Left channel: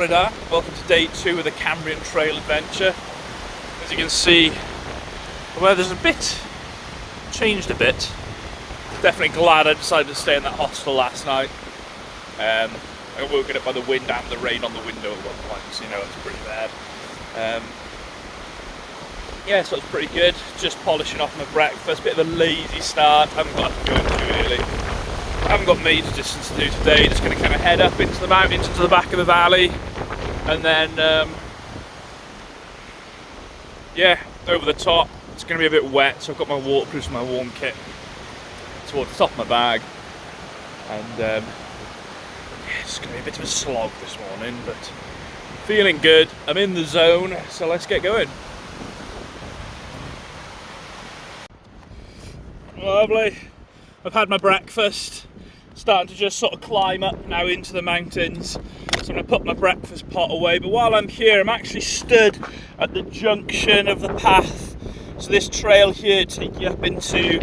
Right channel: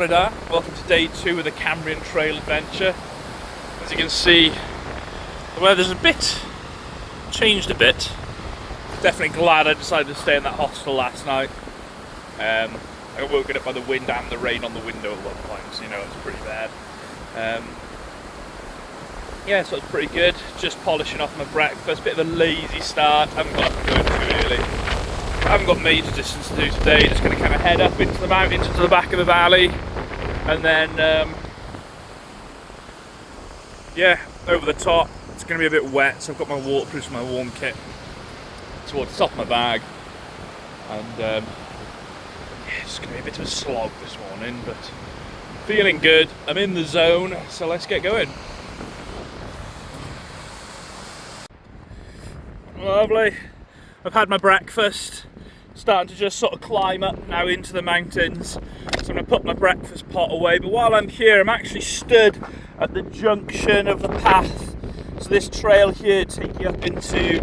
Rhyd Ddu. Welcome to day 2 of the Cambrian Trail adventure. As you can see, the weather's changed a bit. Definitely glad I decided to stay in that hostel last night. I got woken up by the wind and the rain on the window at one point, so you know it's pretty bad. Yeah, so it's pretty good. Just polishing off my breakfast, bit of a lazy start. Haven't got up and going too early. Haven't got major distance to do today. Just going to kind of head up into the mountains, into the back of the valley, and then yeah, over the top. It's going to be a bit wet, so I've got my waterproof, my warm kit towards the top of my bag, and yeah, it's going to be a bit of a slog this morning, but feeling good. I'm in the zone, so let's get going. Lovely. I've had my breakfast, starting to just sort of climb up now into the mountains. So I'm going to put my breakfast pot away, but while I'm here I'm actually stood at the junction of the path. So this trail here takes you up into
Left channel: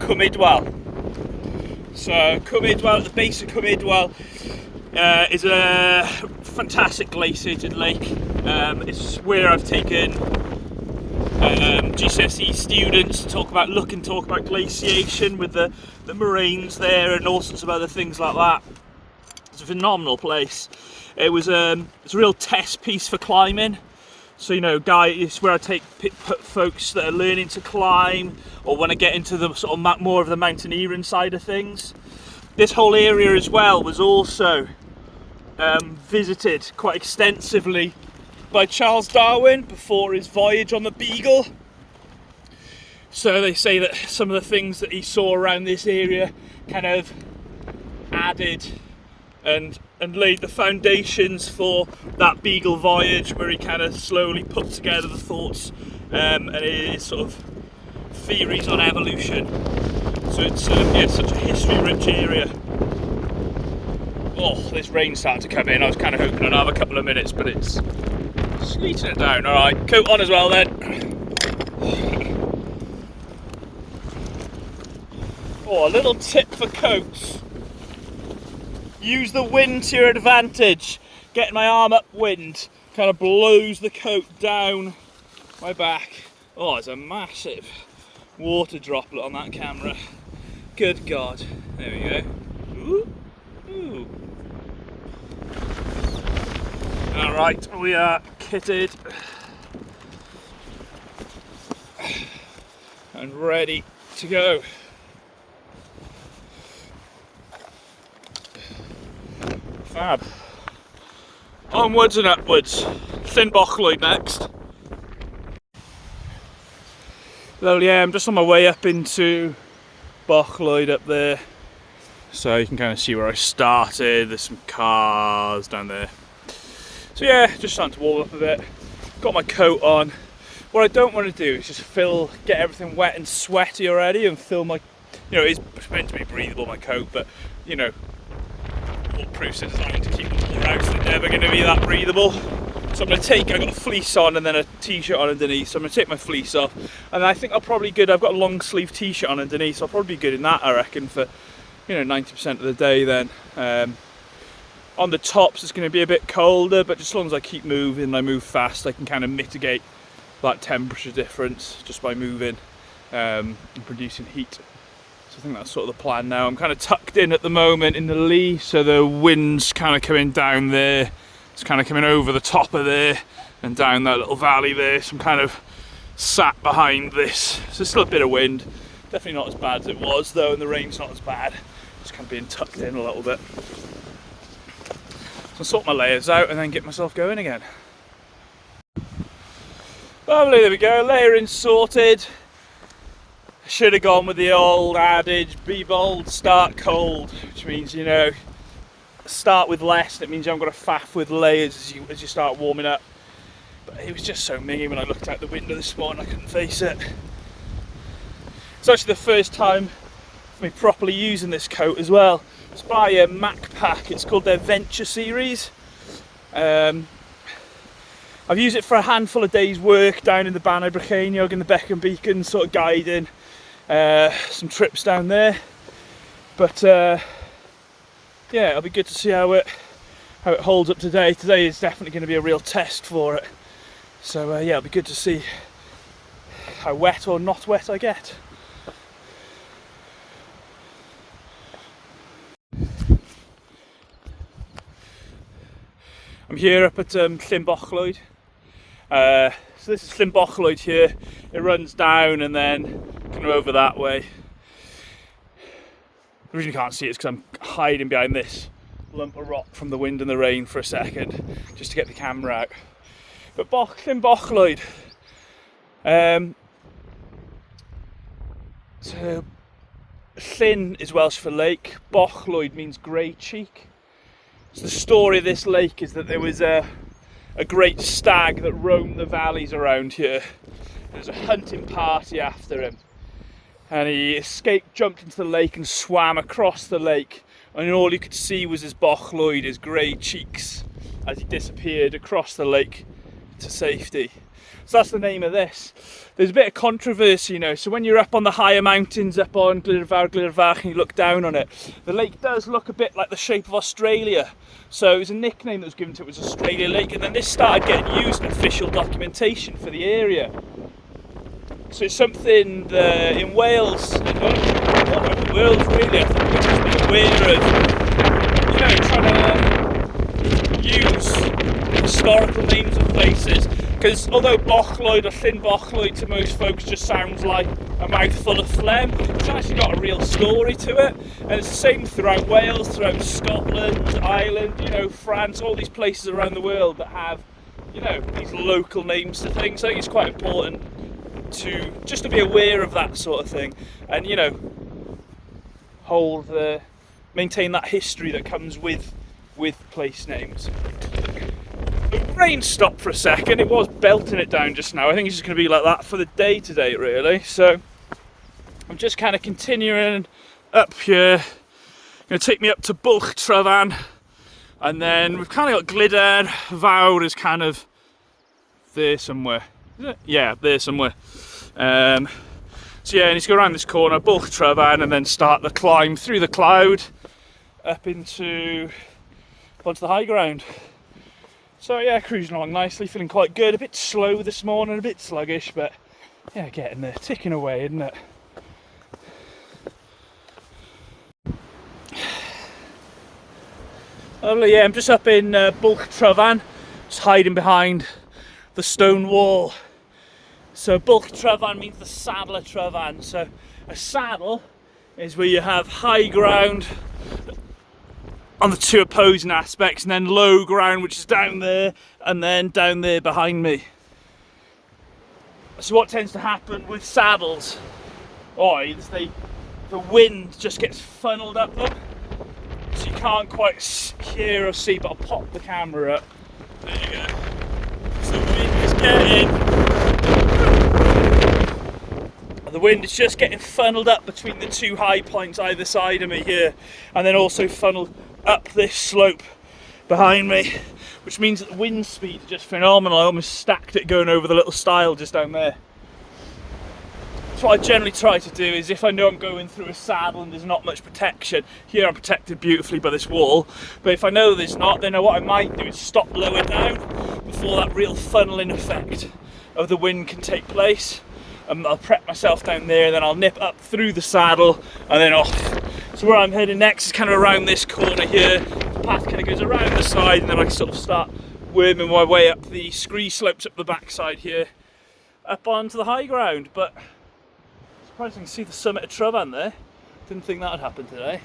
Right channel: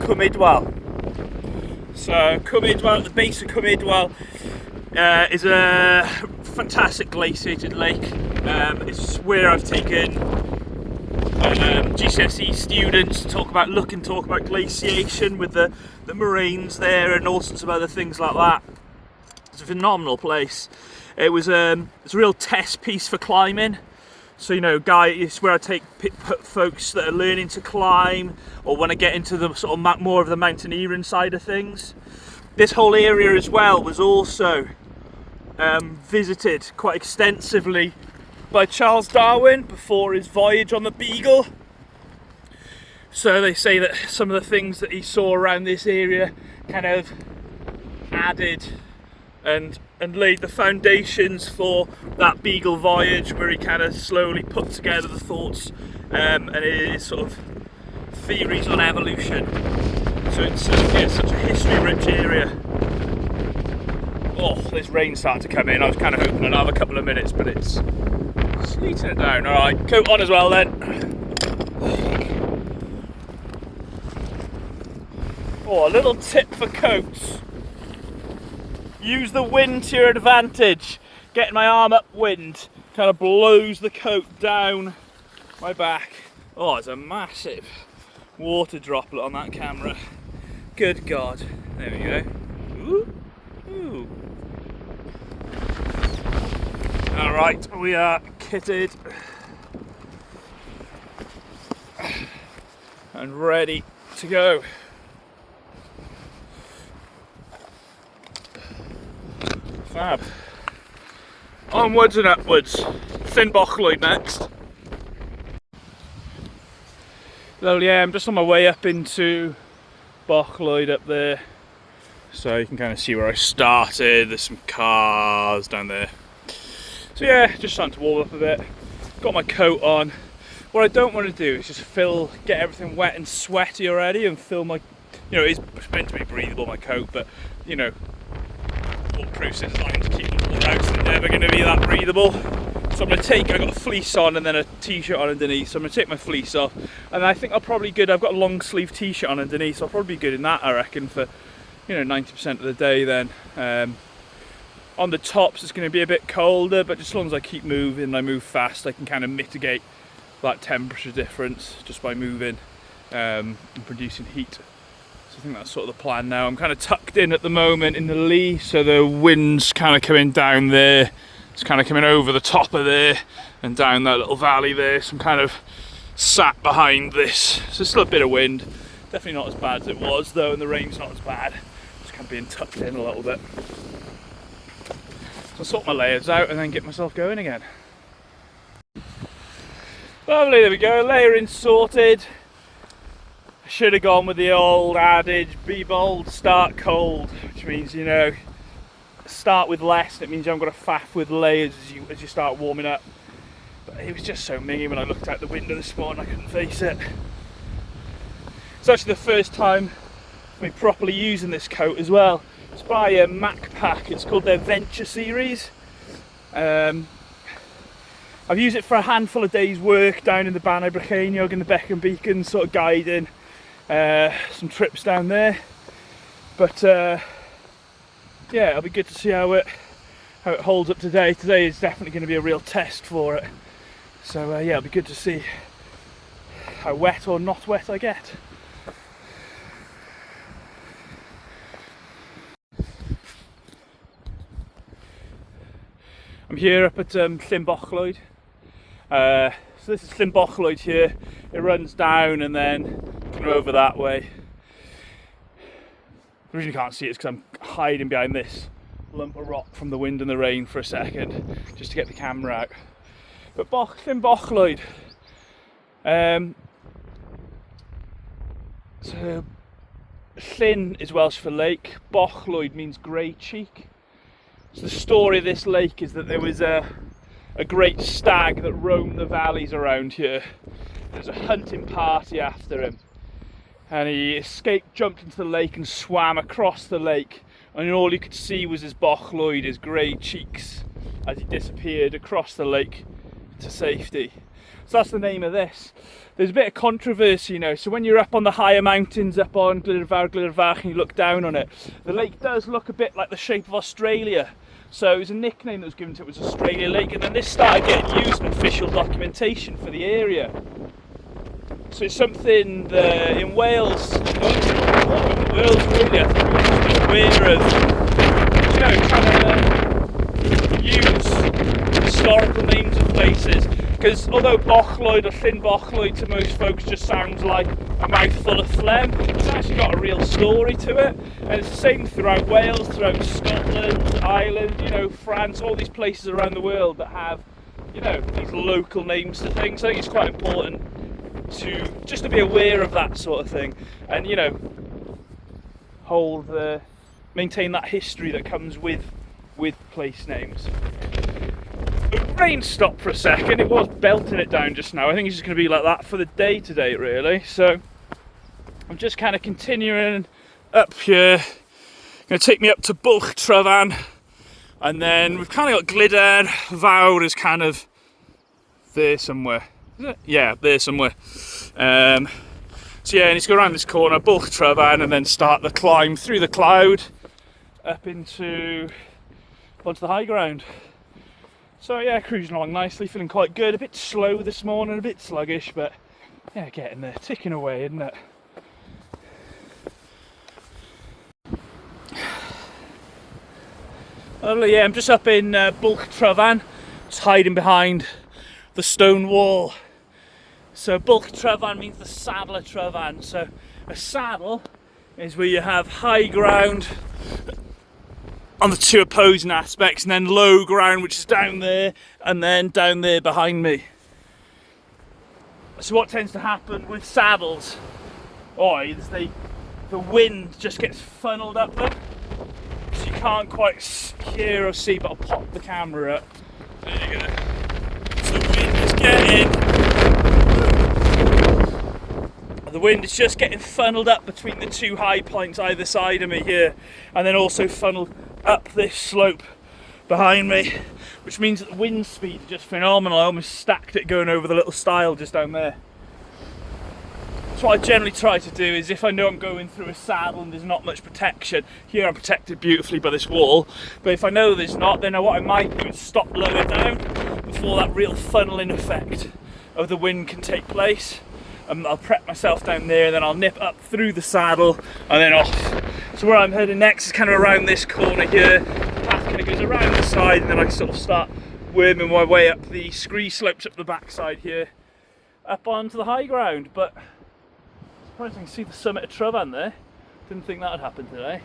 Cwm Ogwen. So Cwm Ogwen, at the base of Cwm Ogwen, is a fantastic glaciated lake. It's where I've taken GCSE students to talk about glaciation with the moraines there and all sorts of other things like that. It's a phenomenal place. It's a real test piece for climbing. So you know, it's where I take folks that are learning to climb, or when I get into the sort of more of the mountaineering side of things. This whole area as well was also visited quite extensively by Charles Darwin before his voyage on the Beagle. So they say that some of the things that he saw around this area kind of added and laid the foundations for that Beagle voyage, where he kind of slowly put together the thoughts and his sort of theories on evolution. So it's such a history-rich area. Oh, this rain's starting to come in. I was kind of hoping another couple of minutes, but it's sleeting it down. Alright, coat on as well then. Oh, a little tip for coats. Use the wind to your advantage. Getting my arm upwind kind of blows the coat down my back. Oh, there's a massive water droplet on that camera. Good God. There we go. Ooh. Ooh. Alright, we are kitted and ready to go. Fab. Onwards and upwards. Thin Bochlwyd next. Well, yeah, I'm just on my way up into Bochlwyd up there. So you can kind of see where I started. There's some cars down there. So yeah, just starting to warm up a bit. Got my coat on. What I don't want to do is just get everything wet and sweaty already and fill my, you know, it's meant to be breathable, my coat, but you know, waterproof, so it's trying to keep it all out, so it's never going to be that breathable. So I'm going to I've got a fleece on and then a t-shirt on underneath, so I'm going to take my fleece off, and I think I'll probably be good. I've got a long sleeve t-shirt on underneath, so I'll probably be good in that, I reckon, for, you know, 90% of the day then. On the tops it's going to be a bit colder, but just as long as I keep moving and I move fast, I can kind of mitigate that temperature difference just by moving and producing heat. So I think that's sort of the plan now. I'm kind of tucked in at the moment in the lee, so the wind's kind of coming down there. It's kind of coming over the top of there and down that little valley there. So I'm kind of sat behind this. So there's still a bit of wind. Definitely not as bad as it was though, and the rain's not as bad. Just kind of being tucked in a little bit. I'll sort my layers out and then get myself going again. Lovely, there we go, layering sorted. I should have gone with the old adage, be bold, start cold, which means, you know, start with less. That means you haven't got to faff with layers as you start warming up. But it was just so mingy when I looked out the window this morning, I couldn't face it. It's actually the first time for me properly using this coat as well. It's by MacPack. It's called their Venture series. I've used it for a handful of days' work down in the Banau Brycheiniog and the Beacon Beacon, sort of guiding some trips down there. But yeah, it'll be good to see how it how it holds up today. Today is definitely going to be a real test for it. So yeah, it'll be good to see how wet or not wet I get. I'm here up at Cwm Ogwen. So this is Cwm Ogwen here. It runs down and then kind of over that way. The reason you can't see it is because I'm hiding behind this lump of rock from the wind and the rain for a second, just to get the camera out. But Cwm Ogwen, so Llyn is Welsh for lake, Ogwen means grey cheek. So the story of this lake is that there was a great stag that roamed the valleys around here. There was a hunting party after him, and he escaped, jumped into the lake and swam across the lake, and all you could see was his Ogwen, his grey cheeks, as he disappeared across the lake to safety. So that's the name of this. There's a bit of controversy, you know, so when you're up on the higher mountains, up on Glirfach, and you look down on it, the lake does look a bit like the shape of Australia. So it was a nickname that was given to it, was Australia Lake, and then this started getting used in official documentation for the area. So it's something that in Wales, all over the world really, I think we've been aware of, you know, trying to use historical names of places. Because although Ogwen or Cwm Ogwen to most folks just sounds like a mouthful of phlegm, it's actually got a real story to it. And it's the same throughout Wales, throughout Scotland, Ireland, you know, France, all these places around the world that have, you know, these local names to things. I think it's quite important to just to be aware of that sort of thing, and you know, maintain that history that comes with place names. The rain stopped for a second. It was belting it down just now. I think it's just going to be like that for the day today, really. So I'm just kind of continuing up here. Going to take me up to Bwlch Tryfan, and then we've kind of got Glyder. Fawr is kind of there somewhere. Is it? Yeah, there somewhere. So yeah, I need to go around this corner, Bwlch Tryfan, and then start the climb through the cloud up onto the high ground. So yeah, cruising along nicely, feeling quite good. A bit slow this morning, a bit sluggish, but yeah, getting there, ticking away, isn't it? Lovely, yeah, I'm just up in Bwlch Tryfan, just hiding behind the stone wall. So Bwlch Tryfan means the saddle of Tryfan. So a saddle is where you have high ground on the two opposing aspects, and then low ground, which is down there, and then down there behind me. So what tends to happen with saddles is the wind just gets funneled up them, so you can't quite hear or see, but I'll pop the camera up. There you go. So the wind is just getting funneled up between the two high points either side of me here, and then also funneled up this slope behind me, which means that the wind speed is just phenomenal. I almost stacked it going over the little stile just down there. So what I generally try to do is, if I know I'm going through a saddle and there's not much protection, here I'm protected beautifully by this wall, but if I know there's not, then what I might do is stop lower down before that real funneling effect of the wind can take place. I'll prep myself down there, and then I'll nip up through the saddle and then off. So where I'm heading next is kind of around this corner here. The path kind of goes around the side, and then I can sort of start worming my way up the scree slopes up the backside here, up onto the high ground. But surprisingly, you can see the summit of Tryfan there. Didn't think that would happen today.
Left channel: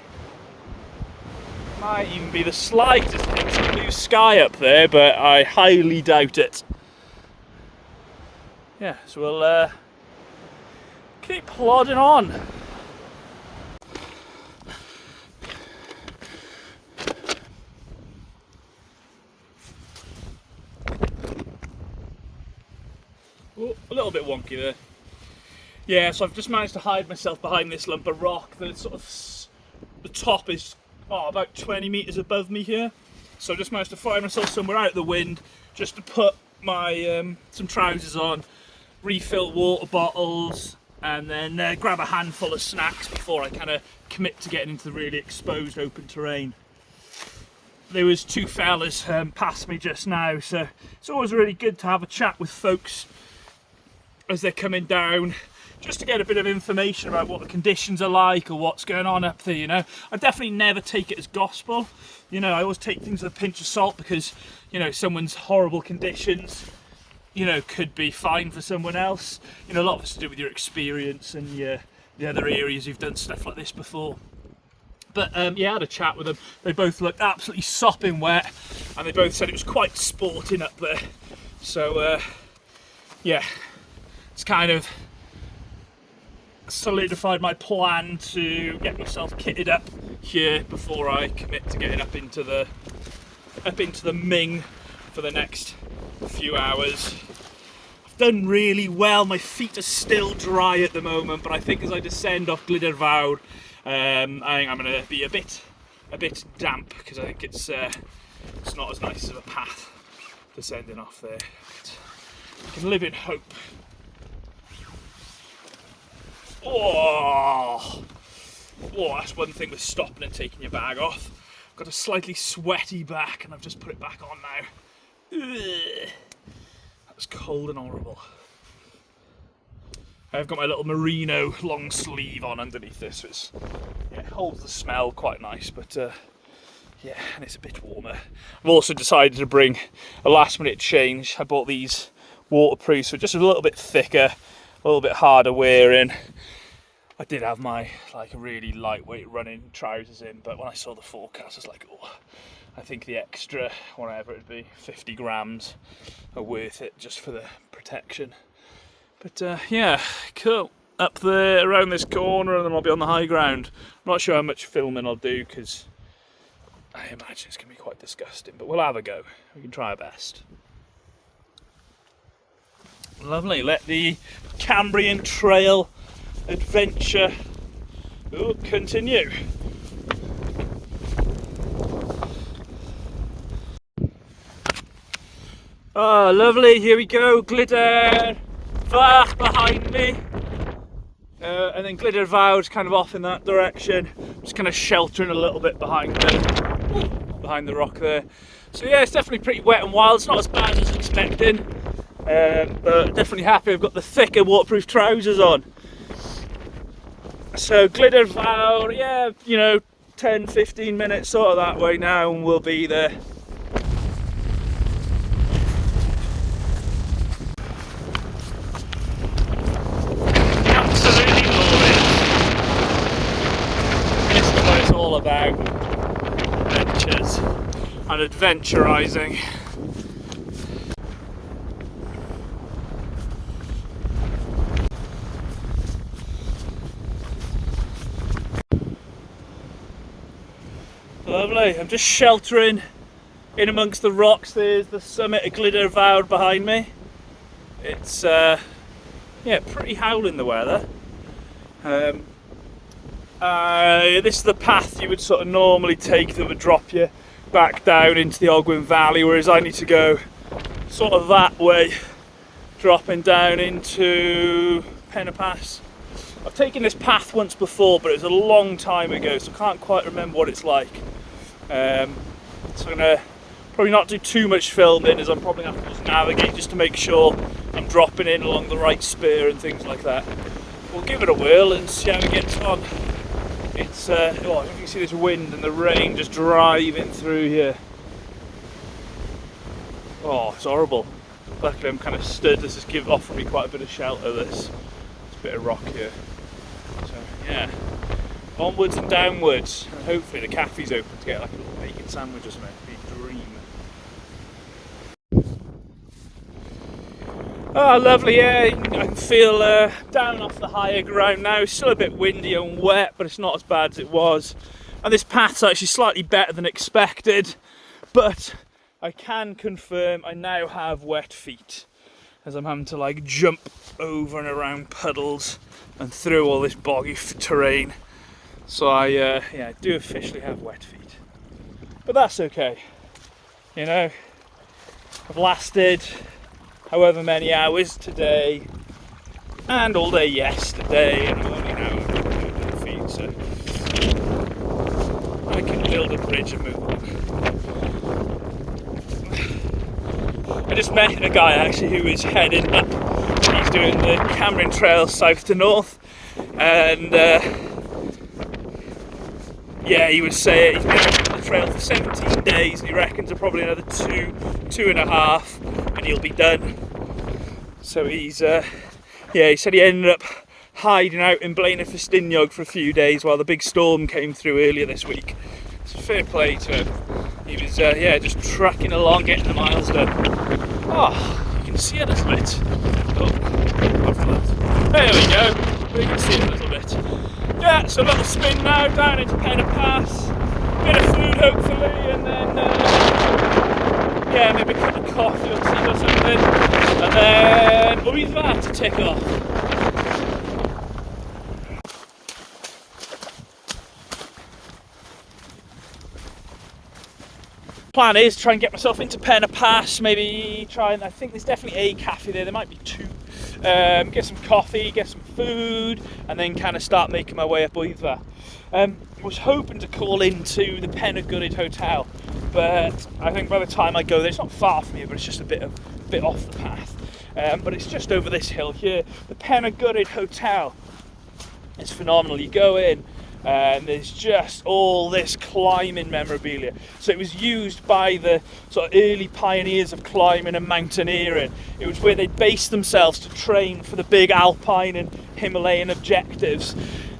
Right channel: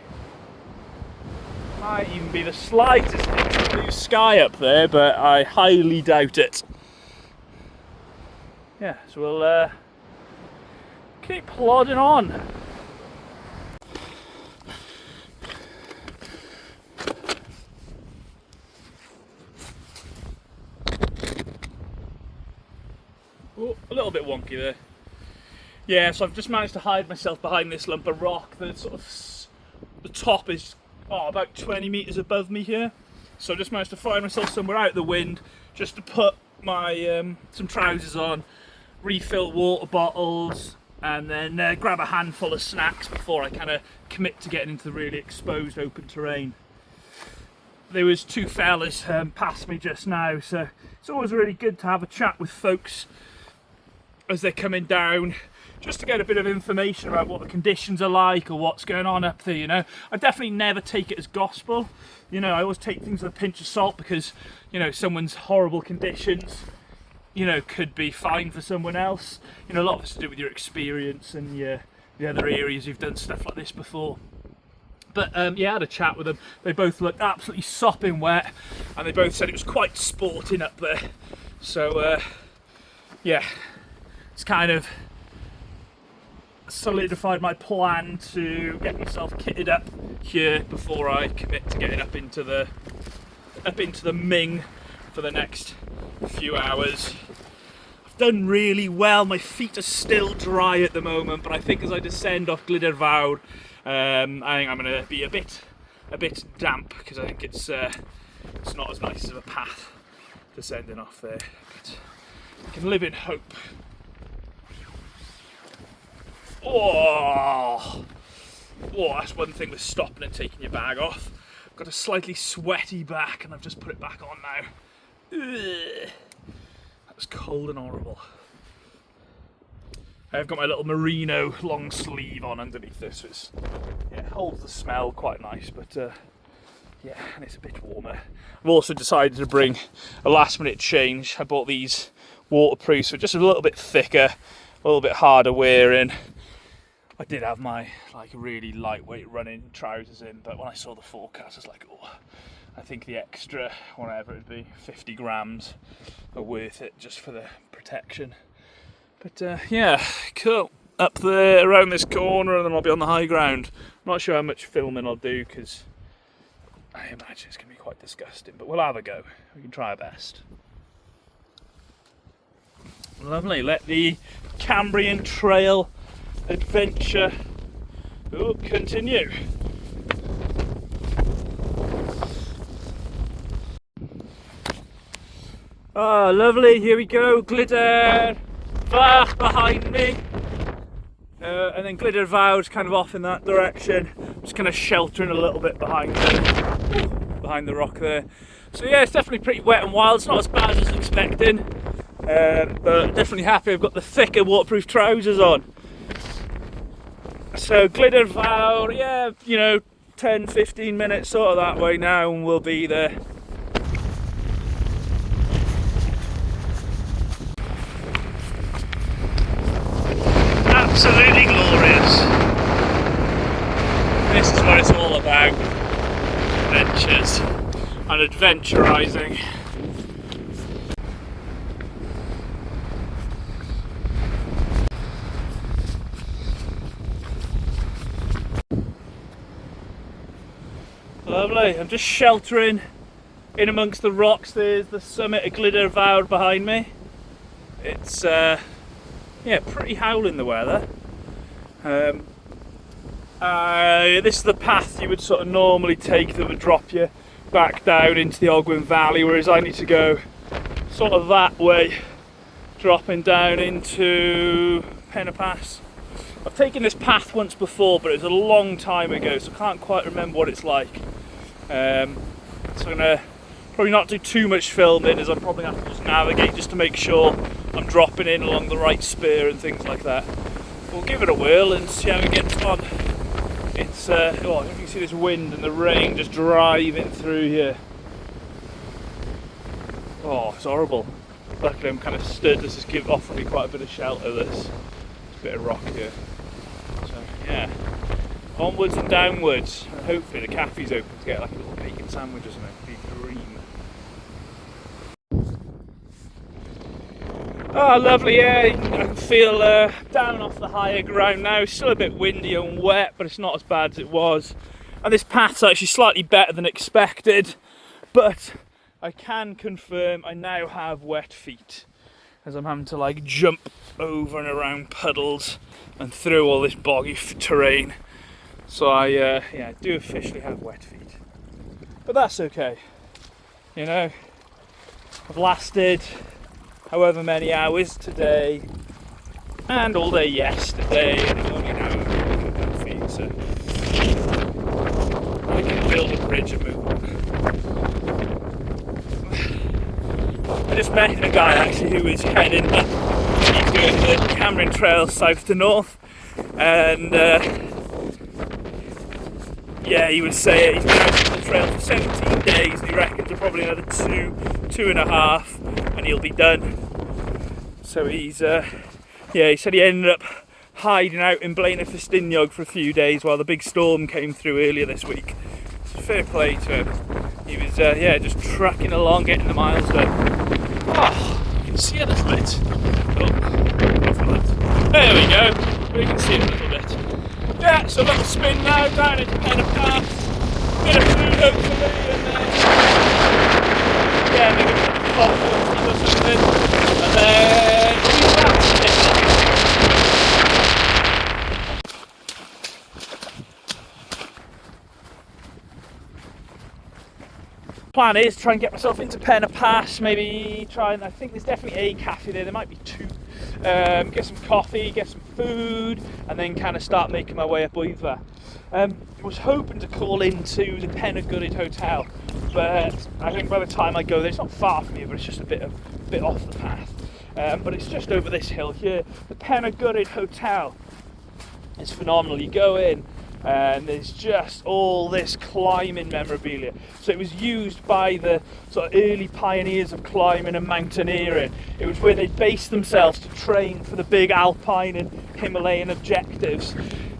Might even be the slightest bit of blue sky up there, but I highly doubt it. Yeah, so we'll keep plodding on. Oh, a little bit wonky there. Yeah, so I've just managed to hide myself behind this lump of rock that sort of, the top is about 20 metres above me here. So I just managed to find myself somewhere out of the wind, just to put my some trousers on, refill water bottles, and then grab a handful of snacks before I kind of commit to getting into the really exposed open terrain. there was two fellas past me just now, so it's always really good to have a chat with folks as they're coming down, just to get a bit of information about what the conditions are like or what's going on up there, you know. I definitely never take it as gospel, you know. I always take things with a pinch of salt because, you know, someone's horrible conditions, you know, could be fine for someone else. You know, a lot of it's to do with your experience and the other areas you've done stuff like this before. But yeah, I had a chat with them. They both looked absolutely sopping wet, and they both said it was quite sporting up there. So yeah, it's kind of solidified my plan to get myself kitted up here before I commit to getting up into the Ming for the next few hours. I've done really well. My feet are still dry at the moment, but I think as I descend off Glyder Fawr, I think I'm going to be a bit damp, because I think it's not as nice as a path descending off there. But I can live in hope. Oh, that's one thing with stopping and taking your bag off. I've got a slightly sweaty back, and I've just put it back on now. Ugh. That was cold and horrible. I've got my little merino long sleeve on underneath this, which yeah, holds the smell quite nice, but yeah, and it's a bit warmer. I've also decided to bring a last minute change. I bought these waterproofs, so just a little bit thicker, a little bit harder wearing. I did have my like really lightweight running trousers in, but when I saw the forecast, I was like, oh, I think the extra, whatever it'd be, 50 grams are worth it just for the protection. But yeah, cool. Up there around this corner, and then I'll be on the high ground. I'm not sure how much filming I'll do, because I imagine it's going to be quite disgusting, but we'll have a go. We can try our best. Lovely. Let the Cambrian Trail adventure continue. Oh, lovely. Here we go. Glyder Fawr behind me. And then Glyder Fawr's kind of off in that direction. Just kind of sheltering a little bit behind the rock there. So yeah, it's definitely pretty wet and wild. It's not as bad as I was expecting. But definitely happy I've got the thicker waterproof trousers on. So Glyder Fawr, yeah, you know, 10-15 minutes sort of that way now, and we'll be there. Absolutely glorious. This is what it's all about. Adventures and adventurising. Lovely. I'm just sheltering in amongst the rocks. There's the summit of Glyder Fawr behind me. It's yeah, pretty howling the weather. This is the path you would sort of normally take that would drop you back down into the Ogwen Valley, whereas I need to go sort of that way, dropping down into Pass. I've taken this path once before, but it was a long time ago, so I can't quite remember what it's like. So I'm going to probably not do too much filming, as I'm probably going to have to just navigate just to make sure I'm dropping in along the right spur and things like that. We'll give it a whirl and see how it gets on. It's, oh, you can see this wind and the rain just driving through here. Oh, it's horrible. Luckily I'm kind of stood, this is offering me quite a bit of shelter, this. It's a bit of rock here. So, yeah. Onwards and downwards. And hopefully the cafe's open to get like a little bacon sandwich or something. It'd be a dream. Oh, lovely, yeah. I can feel down off the higher ground now. It's still a bit windy and wet, but it's not as bad as it was. And this path's actually slightly better than expected, but I can confirm I now have wet feet, as I'm having to like jump over and around puddles and through all this boggy terrain. So I do officially have wet feet, but that's okay. You know, I've lasted however many hours today and all day yesterday, and I'm only now wet feet, so I can build a bridge and move on. I just met a guy actually who is heading up. He's doing the Cambrian Trail south to north, and yeah, he was saying he's been on the trail for 17 days, and he reckons probably another 2.5, and he'll be done. So he's, yeah, he said he ended up hiding out in Blaenau Festiniog for a few days while the big storm came through earlier this week. So fair play to him. He was, yeah, just trucking along, getting the miles done. Oh, you can see a little bit. Oh, there we go. We can see it a little bit. Yeah, so a little spin now down into Penna Pass. Bit of food hopefully, and then yeah, maybe a cup of coffee or tea or something. And then we'll be back to take off. Plan is to try and get myself into Penna Pass, maybe try and, I think there's definitely a cafe there might be two. Get some coffee, get some food, and then kind of start making my way up Wyddfa. Was hoping to call into the Penna Gwryd Hotel, but I think by the time I go there, it's not far from here, but it's just a bit off the path. But it's just over this hill here, the Penna Gwryd Hotel. It's phenomenal. You go in, and there's just all this climbing memorabilia. So it was used by the sort of early pioneers of climbing and mountaineering. It was where they based themselves to train for the big alpine and Himalayan objectives.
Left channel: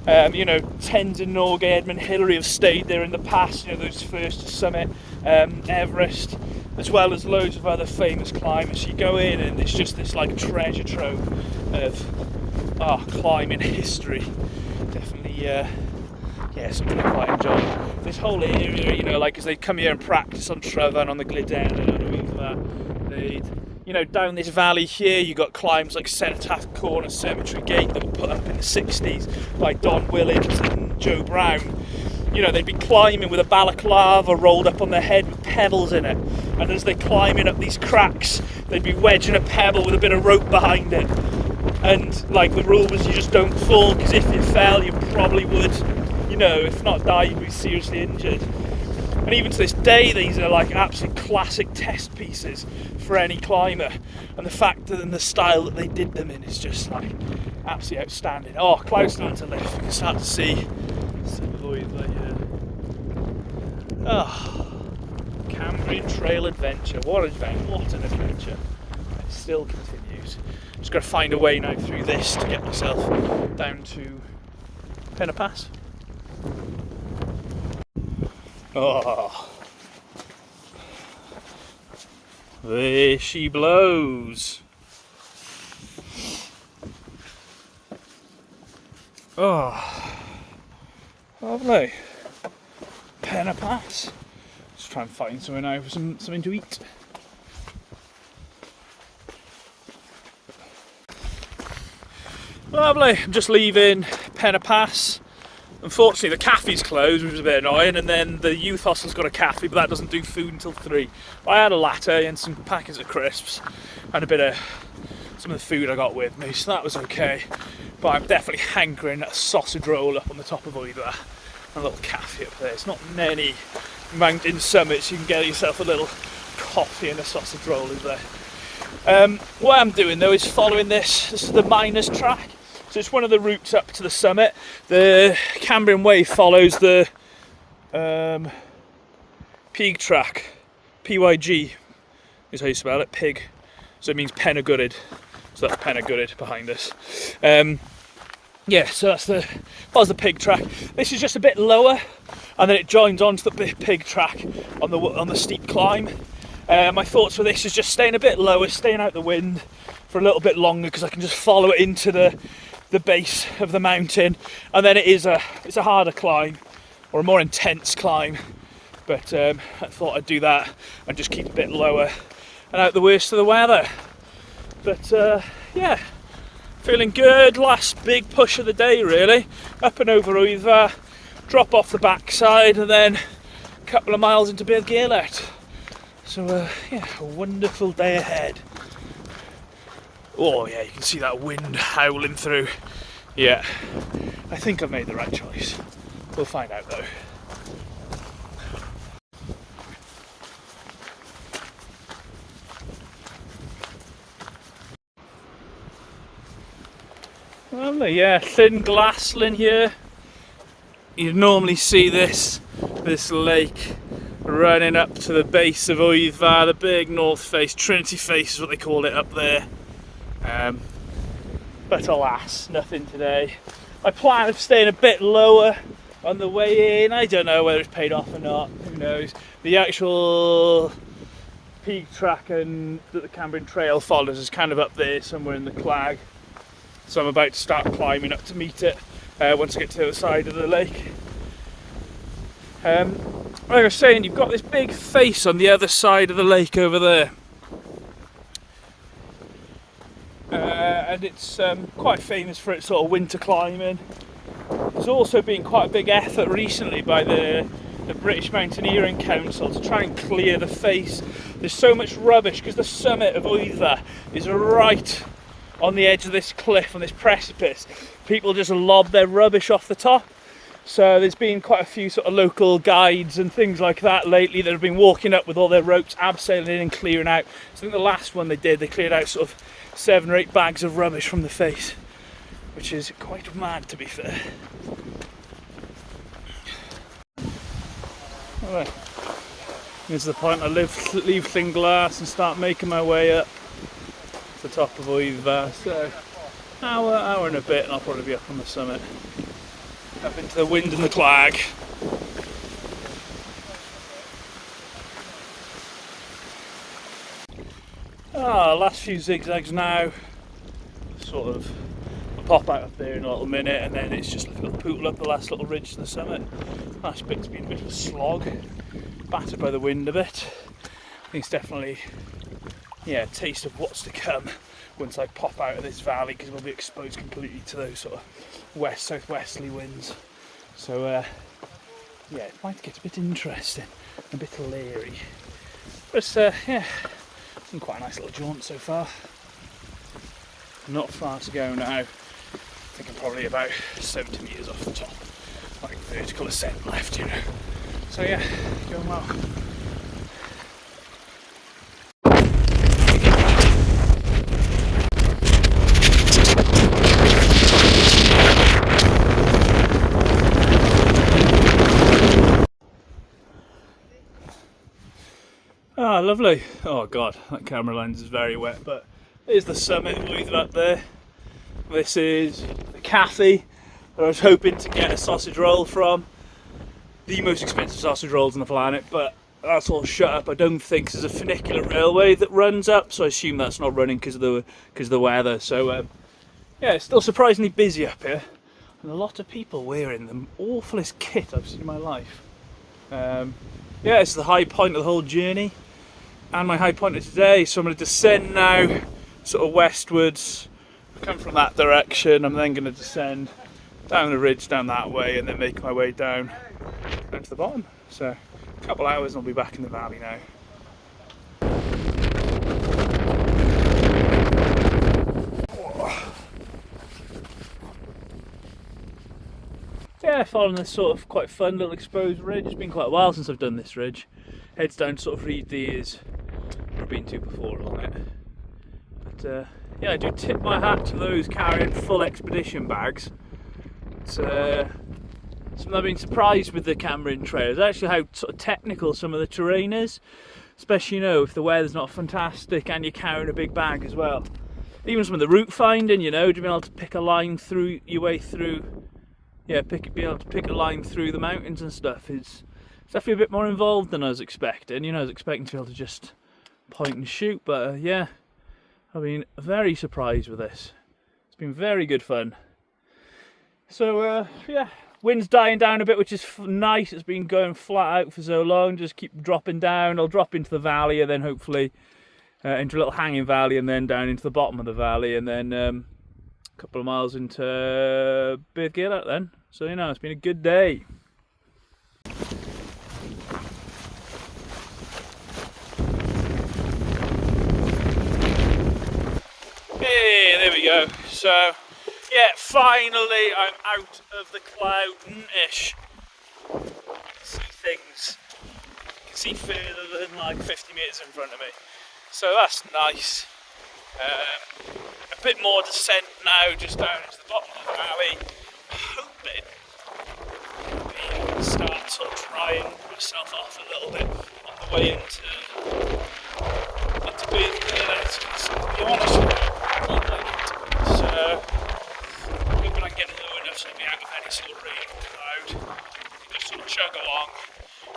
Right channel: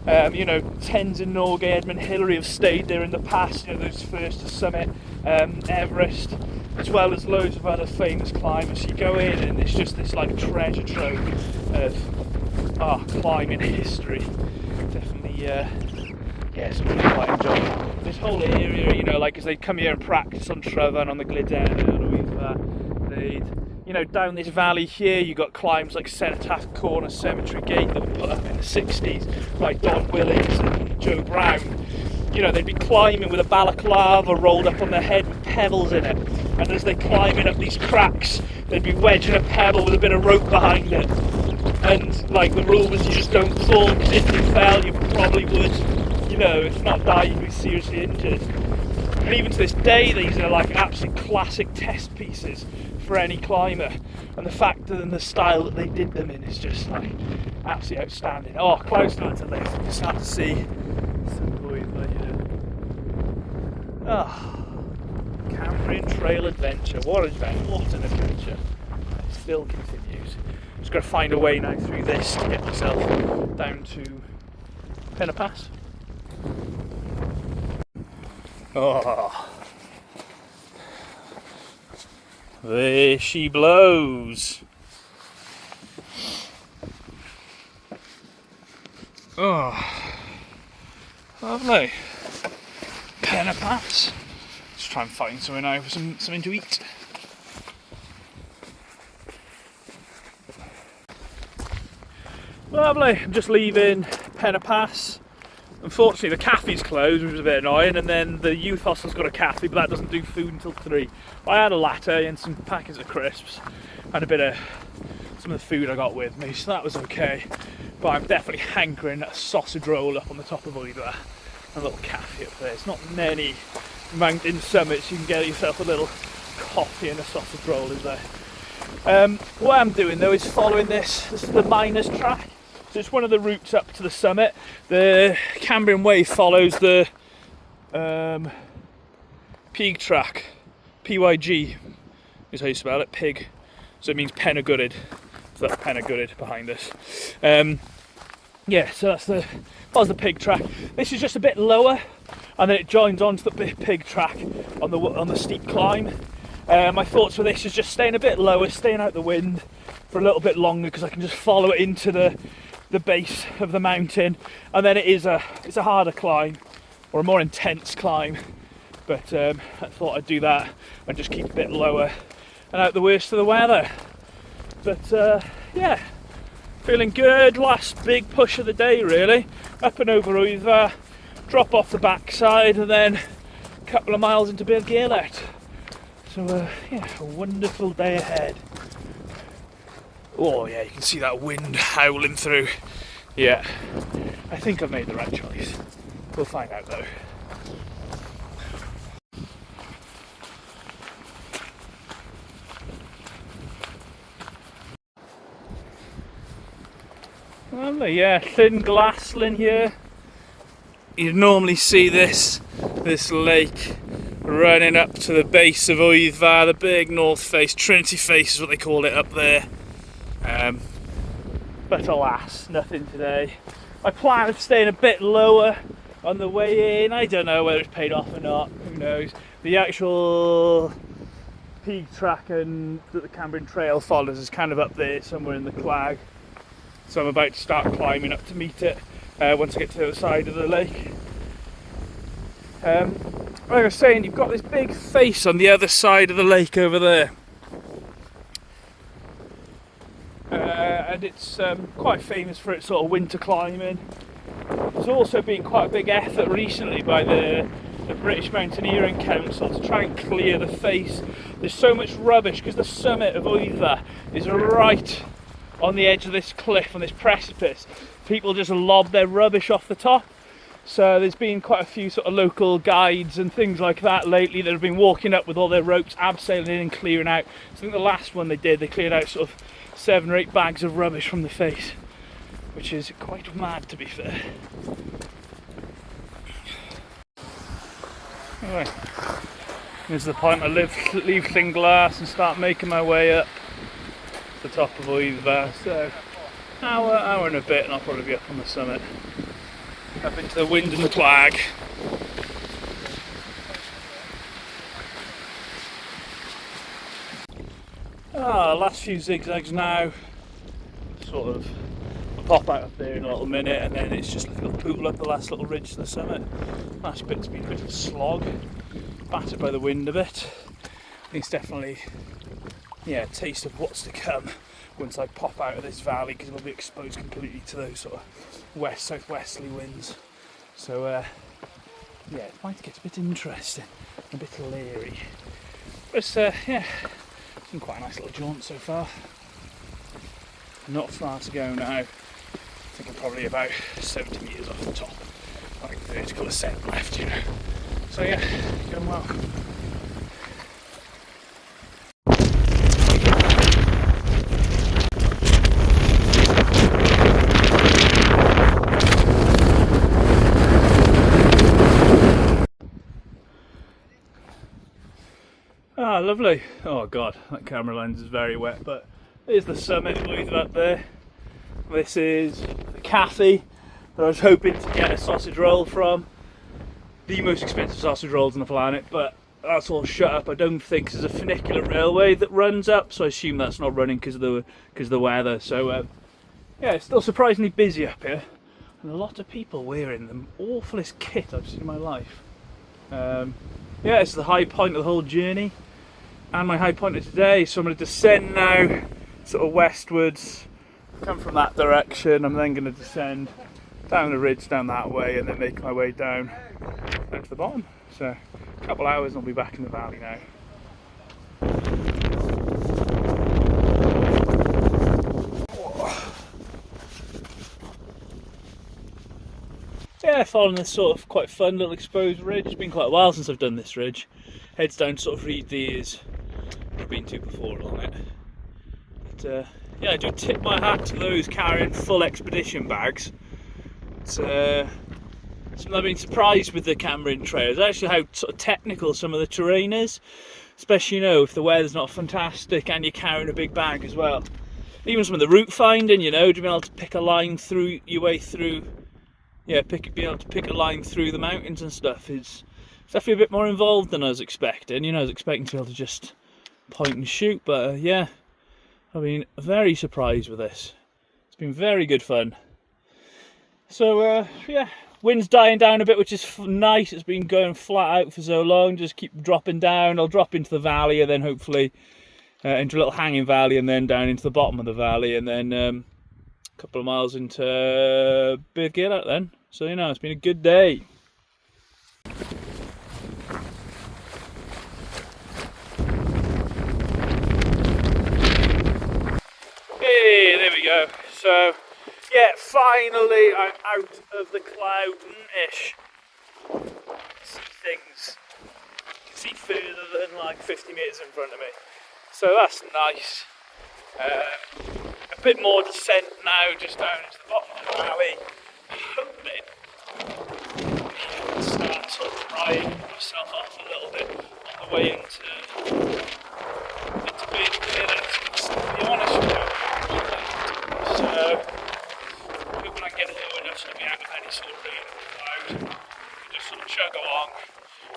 You know, Tenzing Norgay, Edmund Hillary have stayed there in the past, you know, those first to summit Everest, as well as loads of other famous climbers. You go in and it's just this like treasure trove of climbing history. Definitely, yeah, something I quite enjoy. This whole area, you know, like as they come here and practice on Tryfan, on the Glyden and all that, you know, down this valley here, you got climbs like Cenotaph Corner Cemetery Gate that were put up in the 60s by Don Willings and Joe Brown. You know, they'd be climbing with a balaclava rolled up on their head with pebbles in it, and as they're climbing up these cracks, they'd be wedging a pebble with a bit of rope behind it. And like the rule was you just don't fall, because if you fell you probably would, you know, if not die, you'd be seriously injured. And even to this day, these are like absolute classic test pieces for any climber. And the fact that in the style that they did them in is just like absolutely outstanding. Oh, close now to lift. You can start to see Wyddfa here. Oh, Cambrian Trail adventure. What an adventure. It still continues. Just got to find a way now through this to get myself down to Penna Pass. Oh, there she blows. Oh, lovely. Penna Pass. Let's try and find somewhere now for something to eat. Lovely. I'm just leaving Penna Pass. Unfortunately, the cafe's closed, which was a bit annoying, and then the youth hostel's got a cafe, but that doesn't do food until 3. I had a latte and some packets of crisps, and a bit of some of the food I got with me, so that was okay. But I'm definitely hankering a sausage roll up on the top of Wyddfa. A little cafe up there. It's not many mountain summits you can get yourself a little coffee and a sausage roll, is there? What I'm doing though is following this. This is the miners' track. So it's one of the routes up to the summit. The Cambrian Way follows the Pig track. PYG is how you spell it, pig. So it means Penna Gwryd. So that's Penna Gwryd behind us. Yeah, so that's the pig track. This is just a bit lower, and then it joins onto the pig track on the steep climb. My thoughts for this is just staying a bit lower, staying out the wind for a little bit longer, because I can just follow it into the base of the mountain, and then it's a harder climb, or a more intense climb, but I thought I'd do that and just keep a bit lower and out the worst of the weather. But yeah, feeling good. Last big push of the day really, up and over Wyddfa, drop off the backside, and then a couple of miles into Bir Gaelert. So yeah, a wonderful day ahead. Oh yeah, you can see that wind howling through. Yeah, I think I've made the right choice. We'll find out though. Lovely, yeah, thin glassland here. You'd normally see this lake running up to the base of Wyddfa, the big north face, Trinity face is what they call it up there. But alas, nothing today. I plan on staying a bit lower on the way in. I don't know whether it's paid off or not, who knows. The actual peak track and the Cambrian Trail follows is kind of up there somewhere in the clag. So I'm about to start climbing up to meet it once I get to the other side of the lake. Like I was saying, you've got this big face on the other side of the lake over there. And it's quite famous for its sort of winter climbing. There's also been quite a big effort recently by the British Mountaineering Council to try and clear the face. There's so much rubbish because the summit of Wyddfa is right on the edge of this cliff, on this precipice. People just lob their rubbish off the top. So there's been quite a few sort of local guides and things like that lately that have been walking up with all their ropes, abseiling in and clearing out. So I think the last one they did, they cleared out sort of 7 or 8 bags of rubbish from the face, which is quite mad to be fair. Alright, this is the point I leave Llanglass and start making my way up to the top of Wyddfa. So hour and a bit and I'll probably be up on the summit, up into the wind and the clag. Last few zigzags now, sort of I'll pop out up there in a little minute and then it's just like a little pootle up the last little ridge to the summit. Last bit's been a bit of a slog, battered by the wind a bit. It's definitely, yeah, a taste of what's to come once I pop out of this valley, because we'll be exposed completely to those sort of west-southwesterly winds. So yeah, it might get a bit interesting, a bit leery. But yeah, it's been quite a nice little jaunt so far. Not far to go now. I think I'm probably about 70 metres off the top. Like vertical ascent left here. So yeah, going well. Ah, lovely. Oh god, that camera lens is very wet, but there's the summit of Wyddfa up there. This is the cafe that I was hoping to get a sausage roll from. The most expensive sausage rolls on the planet, but that's all shut up. I don't think there's a funicular railway that runs up, so I assume that's not running because of the weather. So yeah, it's still surprisingly busy up here, and a lot of people wearing the awfulest kit I've seen in my life. Yeah, it's the high point of the whole journey, and my high point of today. So I'm going to descend now, sort of westwards, come from that direction. I'm then going to descend down the ridge down that way, and then make my way down to the bottom. So a couple hours and I'll be back in the valley now. Yeah, following this sort of quite fun little exposed ridge. It's been quite a while since I've done this ridge. Heads down to sort of Rhyd Ddu, I've been to before along it. But yeah, I do tip my hat to those carrying full expedition bags. It's something I've been surprised with the Cambrian Trail is actually how sort of technical some of the terrain is, especially, you know, if the weather's not fantastic and you're carrying a big bag as well. Even some of the route finding, you know, to be able to pick a line through your way through. Yeah, be able to pick a line through the mountains and stuff is definitely a bit more involved than I was expecting. You know, I was expecting to be able to just point and shoot, but yeah, I've been very surprised with this. It's been very good fun. So yeah, wind's dying down a bit, which is nice. It's been going flat out for so long, just keep dropping down. I'll drop into the valley and then hopefully into a little hanging valley and then down into the bottom of the valley, and then couple of miles into Byd Gilart then. So, you know, it's been a good day. Hey, there we go. So, yeah, finally I'm out of the cloud-ish. See things. I can see further than like 50 metres in front of me. So that's nice. bit more descent now, just down to the bottom of the valley. Hoping start sort of drying myself off a little bit on the way into Byd Gyrled, to be honest with you. So, hoping I can get a little enough to be out of any sort of rain or cloud. Just sort of chug along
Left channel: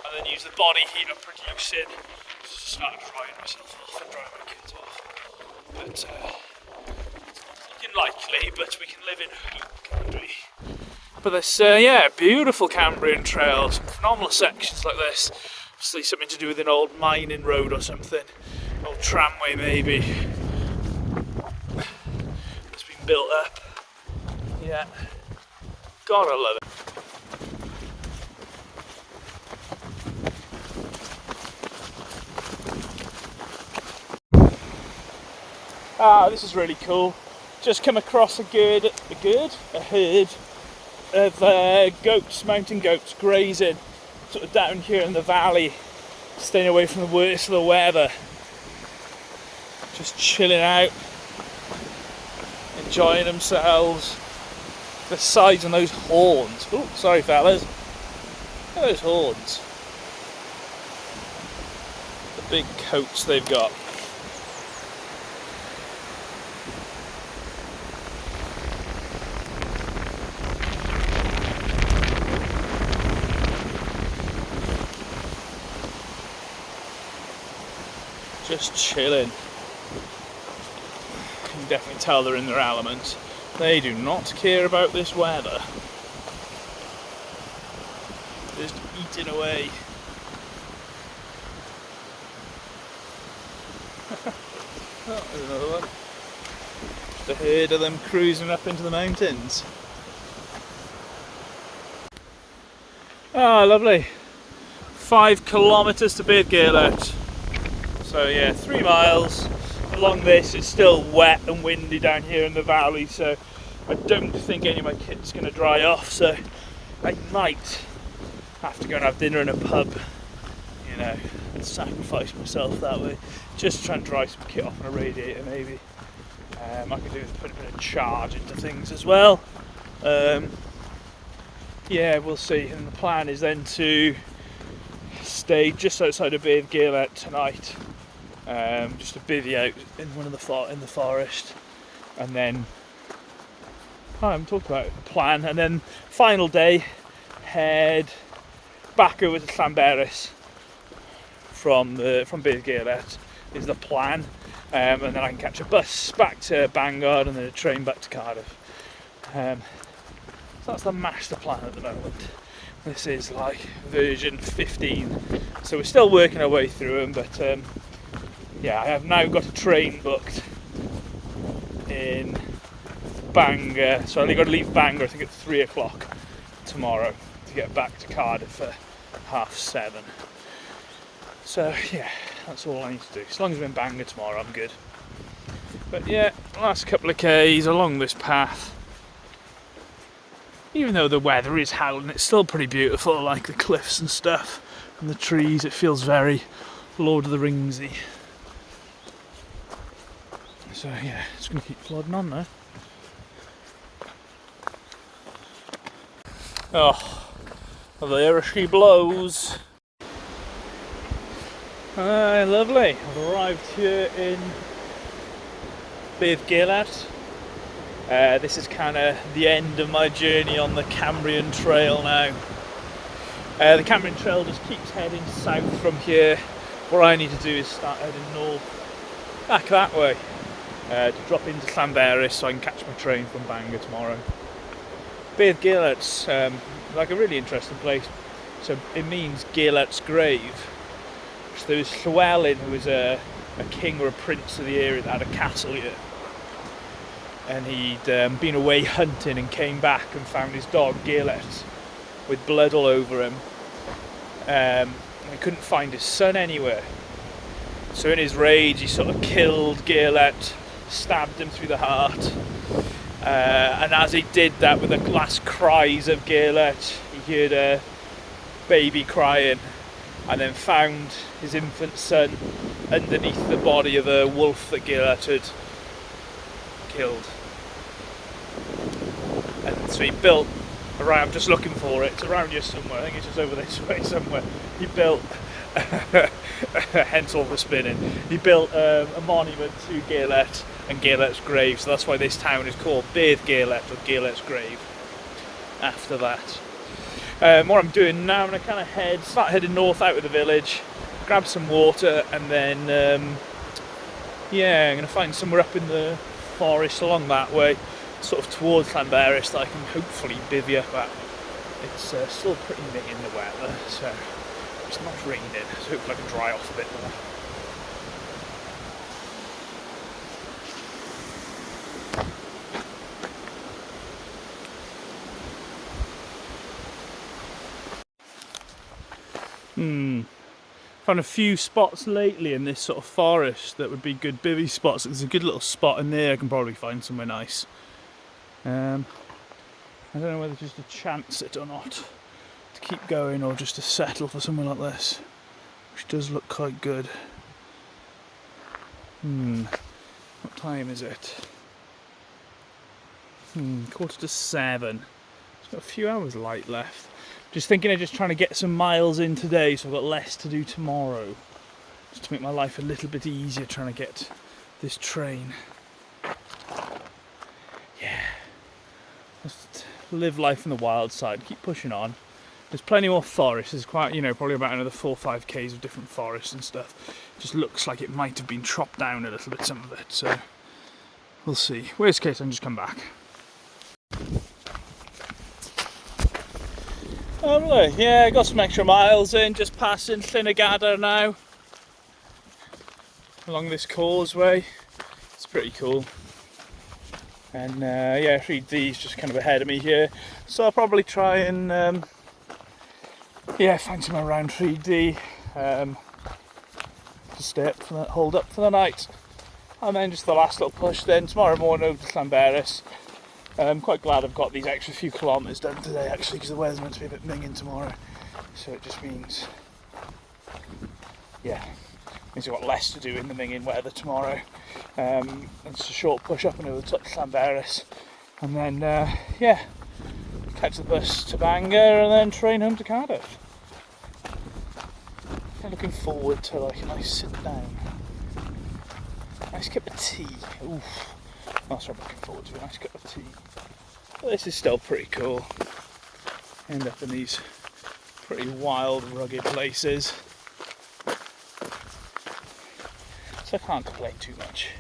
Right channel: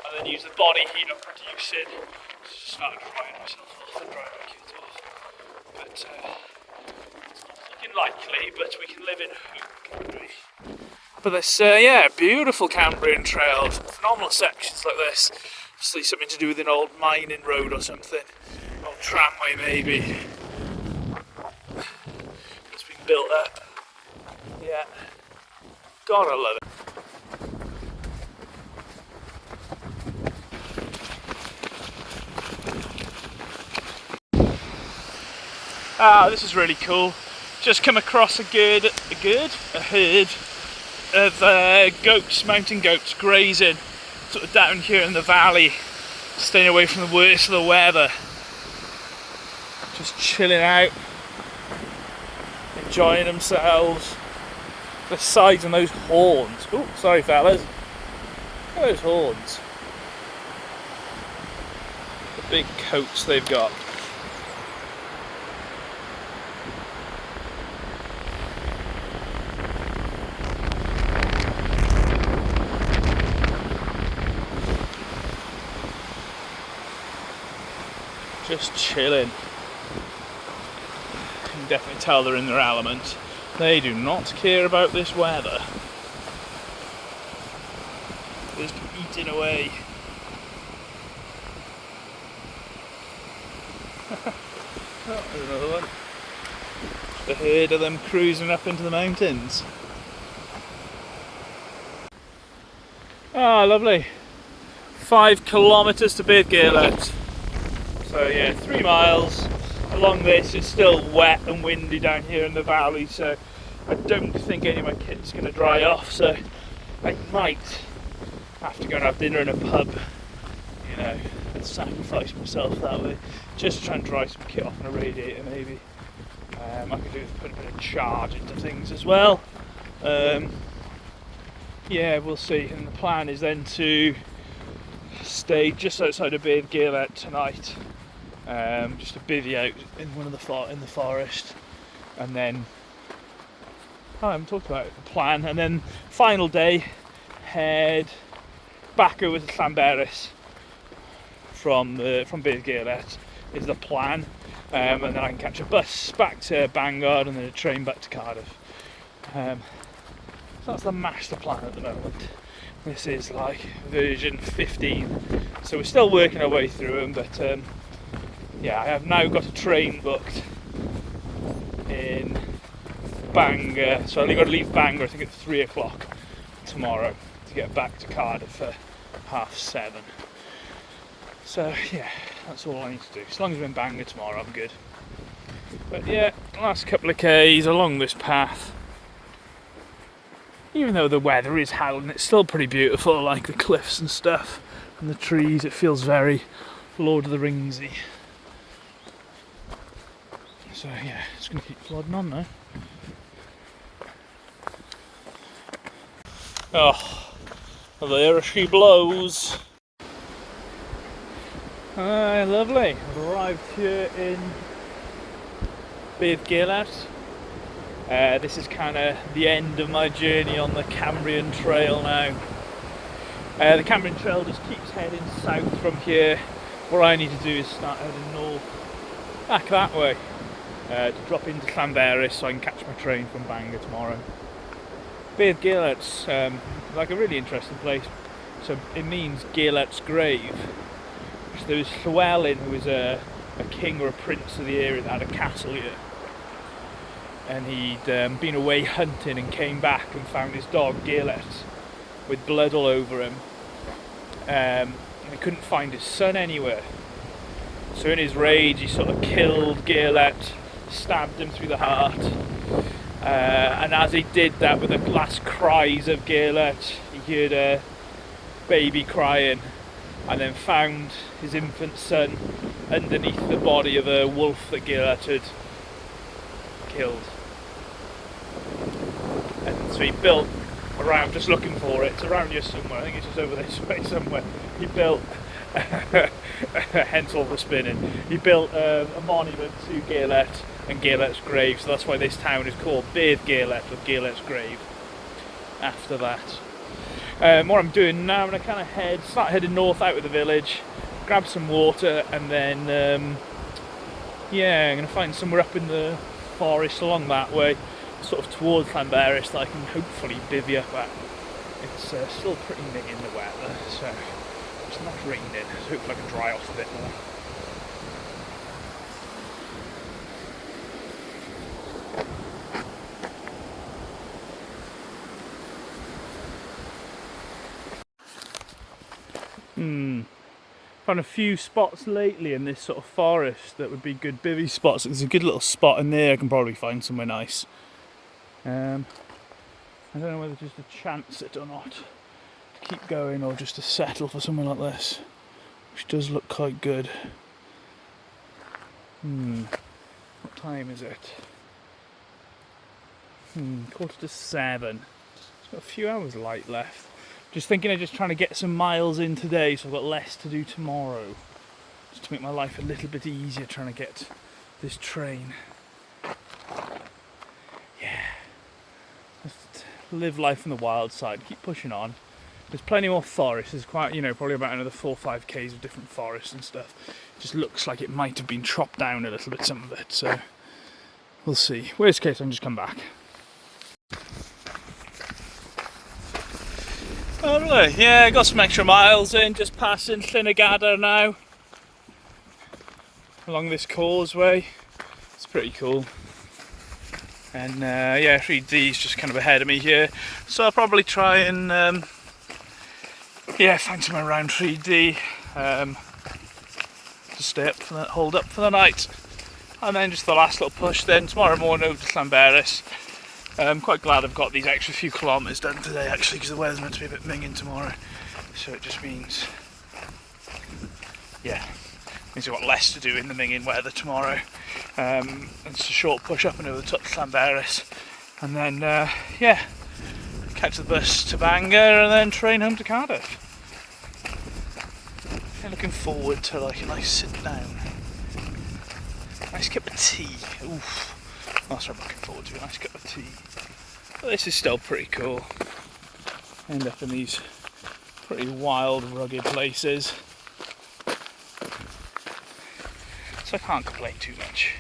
and then use the body heat I'm producing to start drying myself off and dry my kit off. But it's not looking likely, but we can live in hope, can't we? But this, beautiful Cambrian Trail, some phenomenal sections like this. Obviously something to do with an old mining road or something. An old tramway maybe. It's been built up. Yeah. God, I love it. This is really cool. Just come across a herd of goats, mountain goats, grazing sort of down here in the valley, staying away from the worst of the weather. Just chilling out, enjoying themselves. The sides and those horns. Oh, sorry fellas. Look at those horns. The big coats they've got. Just chilling. You can definitely tell they're in their element. They do not care about this weather. Just eating away. Oh, there's another one. The herd of them cruising up into the mountains. Oh, lovely. 5 kilometres to Byd Gyrled. So yeah, 3 miles. Along this, it's still wet and windy down here in the valley, so I don't think any of my kit's going to dry off, so I might have to go and have dinner in a pub, you know, and sacrifice myself that way, just to try and dry some kit off on a radiator maybe. I could do with putting a bit of charge into things as well. Yeah, we'll see, and the plan is then to stay just outside of Byd Gyrled tonight. Just to bivvy out in in the forest, and then I haven't talked about the plan. And then final day, head back over to Llanberis from Byd Gyrled is the plan, and then I can catch a bus back to Bangor and then a train back to Cardiff. So that's the master plan at the moment. This is like version 15, so we're still working our way through them, but yeah, I have now got a train booked in Bangor, so I only got to leave Bangor I think at 3 o'clock tomorrow to get back to Cardiff for 7:30. So yeah, that's all I need to do. As long as I'm in Bangor tomorrow, I'm good. But yeah, last couple of Ks along this path. Even though the weather is howling, it's still pretty beautiful, like the cliffs and stuff and the trees. It feels very Lord of the Ringsy. So yeah, just going to keep plodding on now. Oh, there she blows. Lovely. I've arrived here in Byd Gyrled. This is kind of the end of my journey on the Cambrian Trail now. The Cambrian Trail just keeps heading south from here. What I need to do is start heading north, back that way. Drop into Llanberis so I can catch my train from Bangor tomorrow. Byd Gyrled's like a really interesting place. So it means Gyrled's grave. So there was Llywelyn, who was a king or a prince of the area that had a castle here. And he'd been away hunting and came back and found his dog Gyrled with blood all over him. And he couldn't find his son anywhere. So in his rage he sort of killed Gyrled, stabbed him through the heart, and as he did that, with the last cries of Gyrled, he heard a baby crying, and then found his infant son underneath the body of a wolf that Gyrled had killed. And so he built around, I'm just looking for it, it's around here somewhere, I think it's just over this way somewhere. He built, hence all the spinning, he built a monument to Gaelert and Gaelert's grave, so that's why this town is called Bedd Gaelert, or Gaelert's grave, after that. What I'm doing now, I'm going to kind of start heading north out of the village, grab some water, and then, yeah, I'm going to find somewhere up in the forest along that way, sort of towards Llanberis, that I can hopefully bivvy up at. It's still pretty minging the weather, so it's not raining, so hopefully I can dry off a bit more. Found a few spots lately in this sort of forest that would be good bivvy spots. There's a good little spot in there, I can probably find somewhere nice. I don't know whether just to chance it or not, to keep going or just to settle for somewhere like this, which does look quite good. What time is it? 7:15. It's got a few hours of light left. Just thinking of just trying to get some miles in today so I've got less to do tomorrow. Just to make my life a little bit easier trying to get this train. Yeah. Just live life on the wild side, keep pushing on. There's plenty more forests, there's quite, probably about another 4 or 5 k's of different forests and stuff. Just looks like it might have been chopped down a little bit, some of it, so we'll see. Worst case, I can just come back. Lovely, yeah, got some extra miles in, just passing Llynagada now. Along this causeway, it's pretty cool. And yeah, Rhyd Ddu's just kind of ahead of me here. So I'll probably try and find somewhere around Rhyd Ddu to stay up hold up for the night. And then just the last little push then tomorrow morning over to Llanberis. I'm quite glad I've got these extra few kilometres done today actually, because the weather's meant to be a bit minging tomorrow. So it just means, means I've got less to do in the minging weather tomorrow. It's a short push up and over the top to Llanberis. And then, catch the bus to Bangor and then train home to Cardiff. I'm looking forward to like a nice sit down. Nice cup of tea. Oof. That's what I'm looking forward to, a nice cup of tea. But this is still pretty cool. End up in these pretty wild, rugged places. So I can't complain too much.